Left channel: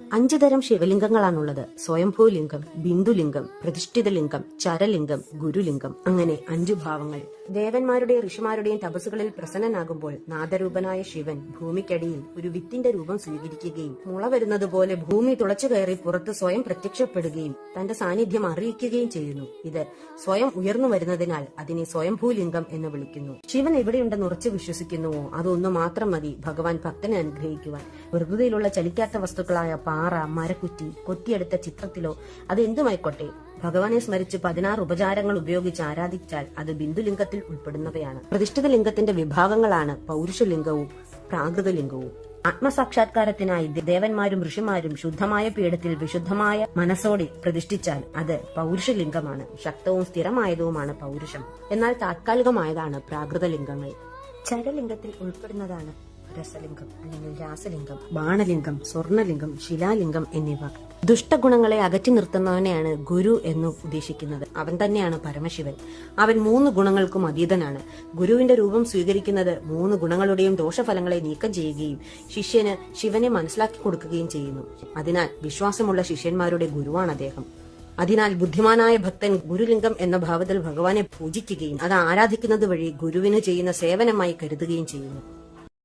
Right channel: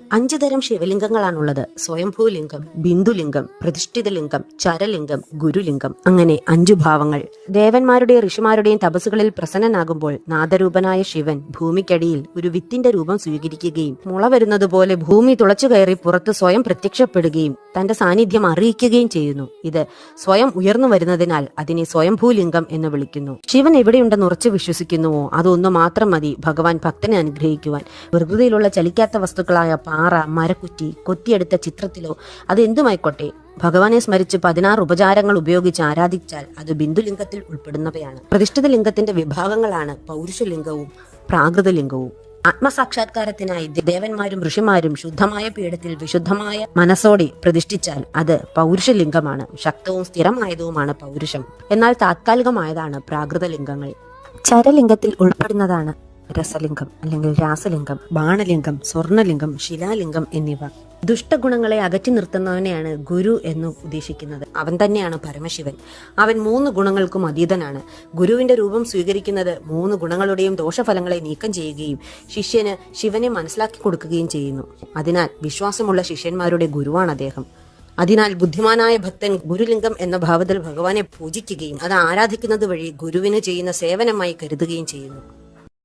5 തരം ശിവലിംഗങ്ങളാണുള്ളത്: സ്വയംഭൂലിംഗം, ബിന്ദുലിംഗം, പ്രതിഷ്ഠിതലിംഗം, ചരലിംഗം, ഗുരുലിംഗം. അങ്ങനെ 5 ഭാവങ്ങൾ. ദേവന്മാരുടെയും ഋഷിമാരുടെയും തപസ്സുകളിൽ പ്രസന്നനാകുമ്പോൾ നാദരൂപനായ ശിവൻ ഭൂമിക്കടിയിൽ ഒരു വിത്തിന്റെ രൂപം സ്വീകരിക്കുകയും മുള വരുന്നത് പോലെ ഭൂമി തുളച്ചു കയറി പുറത്ത് സ്വയം പ്രത്യക്ഷപ്പെടുകയും തന്റെ സാന്നിധ്യം അറിയിക്കുകയും ചെയ്യുന്നു. ഇത് സ്വയം ഉയർന്നു വരുന്നതിനാൽ അതിനെ സ്വയംഭൂലിംഗം എന്ന് വിളിക്കുന്നു. ശിവൻ എവിടെയുണ്ടെന്ന് ഉറച്ചു വിശ്വസിക്കുന്നുവോ അതൊന്നു മാത്രം മതി ഭഗവാൻ ഭക്തനെ അനുഗ്രഹിക്കുവാൻ. പ്രകൃതിയിലുള്ള ചലിക്കാത്ത വസ്തുക്കളായ പാറ, മരക്കുറ്റി, കൊത്തിയെടുത്ത ചിത്രത്തിലോ അതെന്തുമായിക്കോട്ടെ, ഭഗവാനെ സ്മരിച്ച് 16 ഉപചാരങ്ങൾ ഉപയോഗിച്ച് ആരാധിച്ചാൽ അത് ബിന്ദുലിംഗത്തിൽ ഉൾപ്പെടുന്നവയാണ്. പ്രതിഷ്ഠിത ലിംഗത്തിന്റെ വിഭാഗങ്ങളാണ് പൗരുഷലിംഗവും പ്രാകൃതലിംഗവും. ആത്മസാക്ഷാത്കാരത്തിനായി ദേവന്മാരും ഋഷിമാരും ശുദ്ധമായ പീഠത്തിൽ വിശുദ്ധമായ മനസ്സോടെ പ്രതിഷ്ഠിച്ചാൽ അത് പൗരുഷലിംഗമാണ്. ശക്തവും സ്ഥിരമായതുമാണ് പൗരുഷം. എന്നാൽ താത്കാലികമായതാണ് പ്രാകൃതലിംഗങ്ങൾ. ചരലിംഗത്തിൽ ഉൾപ്പെടുന്നതാണ് രസലിംഗം അല്ലെങ്കിൽ രാസലിംഗം, ബാണലിംഗം, സ്വർണലിംഗം, ശിലാലിംഗം എന്നിവ. ദുഷ്ടഗുണങ്ങളെ അകറ്റി നിർത്തുന്നവനെയാണ് ഗുരു എന്ന് ഉദ്ദേശിക്കുന്നത്. അവൻ തന്നെയാണ് പരമശിവൻ. അവൻ 3 ഗുണങ്ങൾക്കും അതീതനാണ്. ഗുരുവിന്റെ രൂപം സ്വീകരിക്കുന്നത് 3 ഗുണങ്ങളുടെയും ദോഷഫലങ്ങളെ നീക്കം ചെയ്യുകയും ശിഷ്യന് ശിവനെ മനസ്സിലാക്കി കൊടുക്കുകയും ചെയ്യുന്നു. അതിനാൽ വിശ്വാസമുള്ള ശിഷ്യന്മാരുടെ ഗുരുവാണ് അദ്ദേഹം. അതിനാൽ ബുദ്ധിമാനായ ഭക്തൻ ഗുരുലിംഗം എന്ന ഭാവത്തിൽ ഭഗവാനെ പൂജിക്കുകയും അത് ആരാധിക്കുന്നത് വഴി ഗുരുവിന് ചെയ്യുന്ന സേവനമായി കരുതുകയും ചെയ്യുന്നു.